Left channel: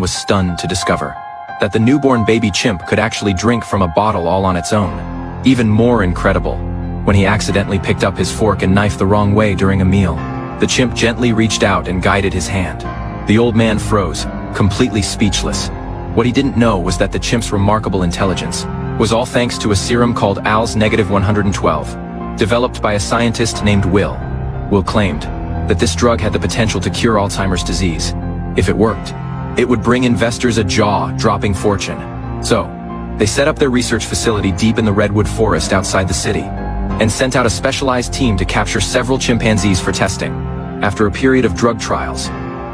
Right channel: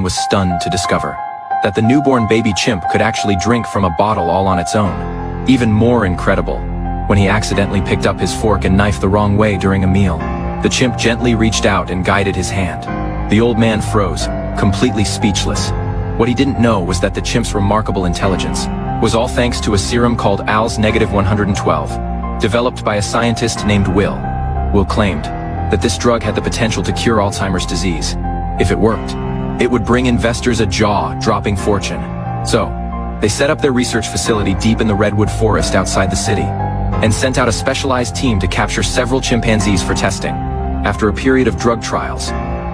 man was stunned to discover that the newborn baby chimp could actually drink from a bottle all on its own. Even more incredible, when he accidentally picked up his fork and knife the wrong way during a meal, the chimp gently reached out and guided his hand. The old man froze, completely speechless. What he didn't know was that the chimp's remarkable intelligence was all thanks to a serum called ALS-112, developed by a scientist named Will. Will claimed that this drug had the potential to cure Alzheimer's disease. If it worked, it would bring investors a jaw-dropping fortune. So, they set up their research facility deep in the redwood forest outside the city, and sent out a specialized team to capture several chimpanzees for testing. After a period of drug trials,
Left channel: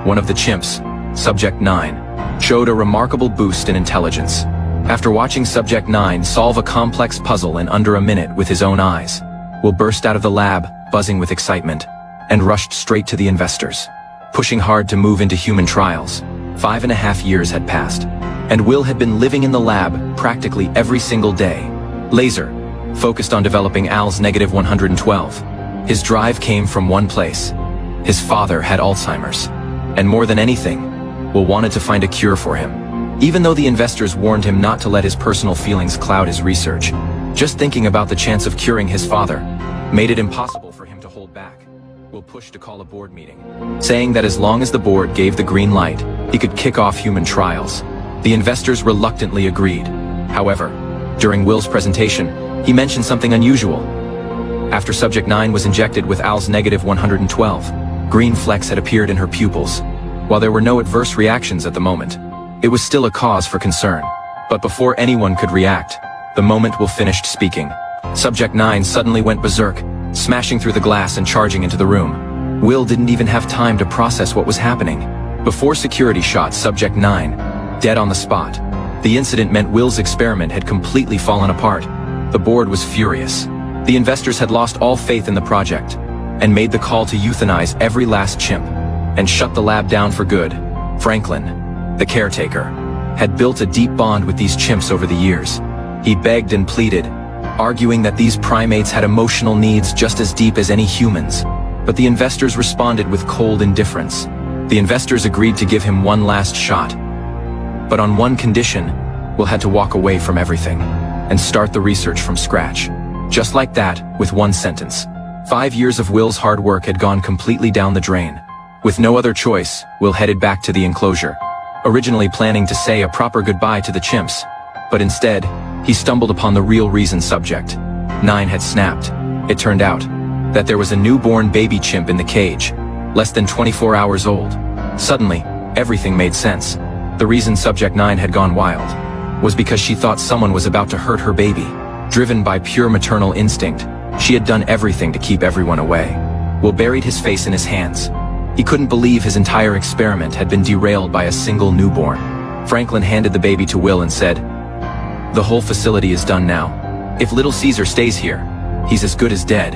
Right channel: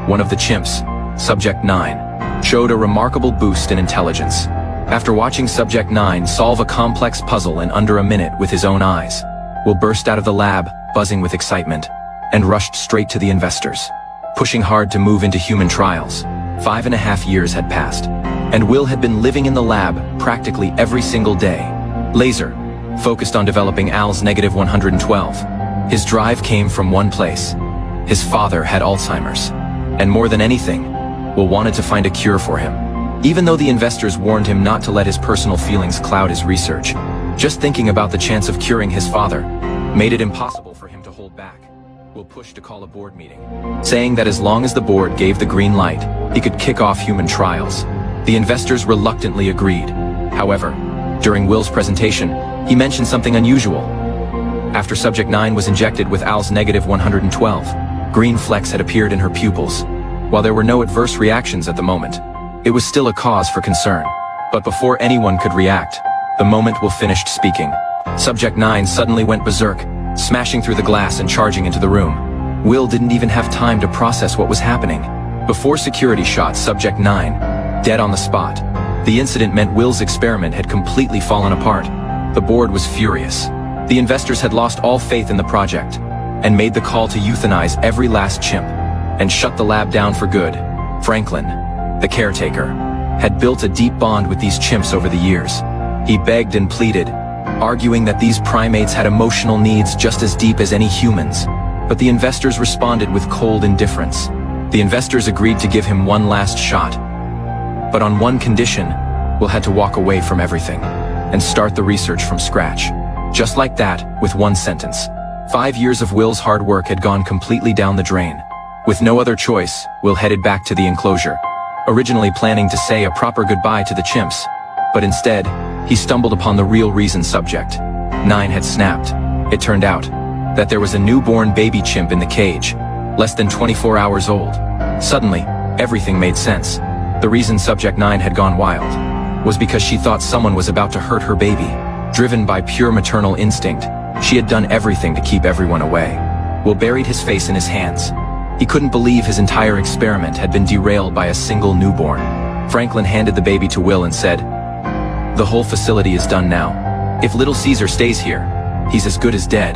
one of the chimps, Subject 9, showed a remarkable boost in intelligence. After watching Subject 9 solve a complex puzzle in under a minute with his own eyes, Will burst out of the lab, buzzing with excitement, and rushed straight to the investors. Pushing hard to move into human trials, 5.5 years had passed, and Will had been living in the lab practically every single day. Laser, focused on developing ALS-112. His drive came from one place. His father had Alzheimer's. And more than anything, Will wanted to find a cure for him. Even though the investors warned him not to let his personal feelings cloud his research, just thinking about the chance of curing his father made it impossible for him to hold back. Will pushed to call a board meeting, saying that as long as the board gave the green light, he could kick off human trials. The investors reluctantly agreed. However, during Will's presentation, he mentioned something unusual. After Subject 9 was injected with ALS-112, green flecks had appeared in her pupils. While there were no adverse reactions at the moment, it was still a cause for concern. But before anyone could react, the moment Will finished speaking, Subject 9 suddenly went berserk, smashing through the glass and charging into the room. Will didn't even have time to process what was happening. Before security shot Subject 9, dead on the spot. The incident meant Will's experiment had completely fallen apart. The board was furious. The investors had lost all faith in the project, and made the call to euthanize every last chimp, and shut the lab down for good. Franklin, the caretaker, had built a deep bond with these chimps over the years. He begged and pleaded, arguing that these primates had emotional needs just as deep as any humans. But the investors responded with cold indifference. The investors agreed to give him one last shot. But on one condition, Will had to walk away from everything, and start the research from scratch. Just like that, with one sentence. 5 years of Will's hard work had gone completely down the drain. With no other choice, Will headed back to the enclosure, originally planning to say a proper goodbye to the chimps, but instead, he stumbled upon the real reason Subject 9 had snapped. It turned out that there was a newborn baby chimp in the cage, less than 24 hours old. Suddenly, everything made sense. The reason Subject 9 had gone wild was because she thought someone was about to hurt her baby. Driven by pure maternal instinct, she had done everything to keep everyone away. Will buried his face in his hands. He couldn't believe his entire experiment had been derailed by a single newborn. Franklin handed the baby to Will and said, "The whole facility is done now. If little Caesar stays here, he's as good as dead."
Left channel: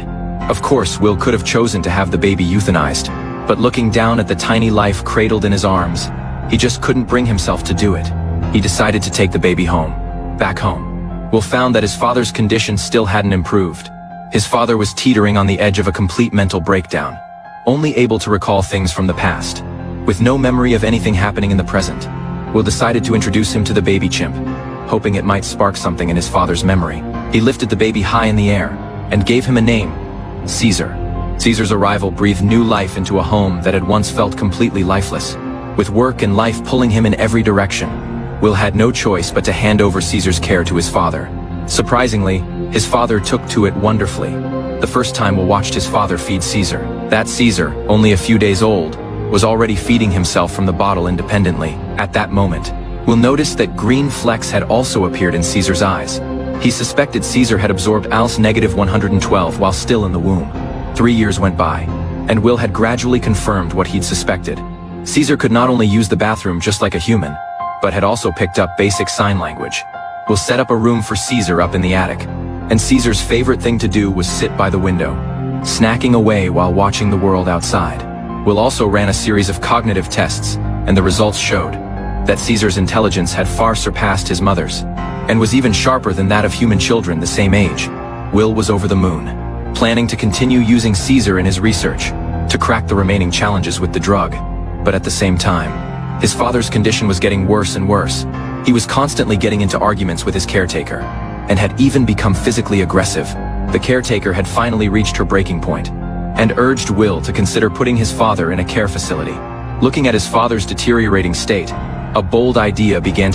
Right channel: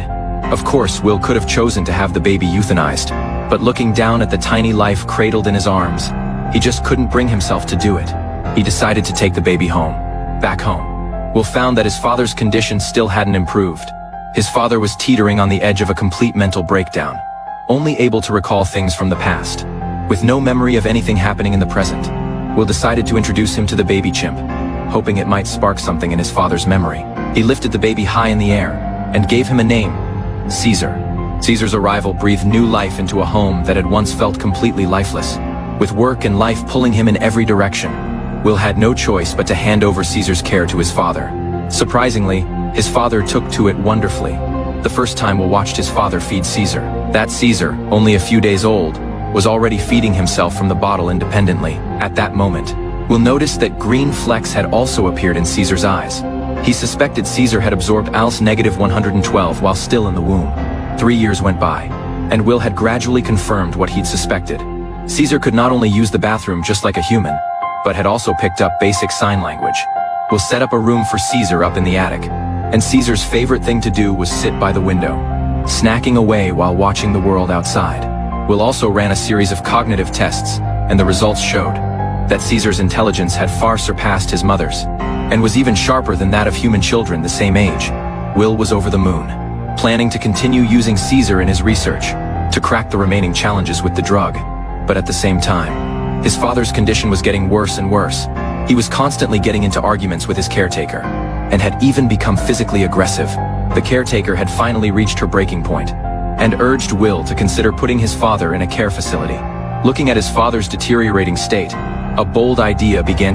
Of course, Will could have chosen to have the baby euthanized, but looking down at the tiny life cradled in his arms, he just couldn't bring himself to do it. He decided to take the baby home. Back home, Will found that his father's condition still hadn't improved. His father was teetering on the edge of a complete mental breakdown, only able to recall things from the past, with no memory of anything happening in the present. Will decided to introduce him to the baby chimp, hoping it might spark something in his father's memory. He lifted the baby high in the air, and gave him a name, Caesar. Caesar's arrival breathed new life into a home that had once felt completely lifeless. With work and life pulling him in every direction, Will had no choice but to hand over Caesar's care to his father. Surprisingly, his father took to it wonderfully. The first time Will watched his father feed Caesar, that Caesar, only a few days old, was already feeding himself from the bottle independently. At that moment, Will noticed that green flecks had also appeared in Caesar's eyes. He suspected Caesar had absorbed ALS-112 while still in the womb. 3 years went by, and Will had gradually confirmed what he'd suspected. Caesar could not only use the bathroom just like a human, but had also picked up basic sign language. Will set up a room for Caesar up in the attic, and Caesar's favorite thing to do was sit by the window, snacking away while watching the world outside. Will also ran a series of cognitive tests, and the results showed that Caesar's intelligence had far surpassed his mother's, and was even sharper than that of human children the same age. Will was over the moon, planning to continue using Caesar in his research, to crack the remaining challenges with the drug. But at the same time, His father's condition was getting worse and worse. He was constantly getting into arguments with his caretaker, and had even become physically aggressive. The caretaker had finally reached her breaking point, and urged Will to consider putting his father in a care facility. Looking at his father's deteriorating state, a bold idea began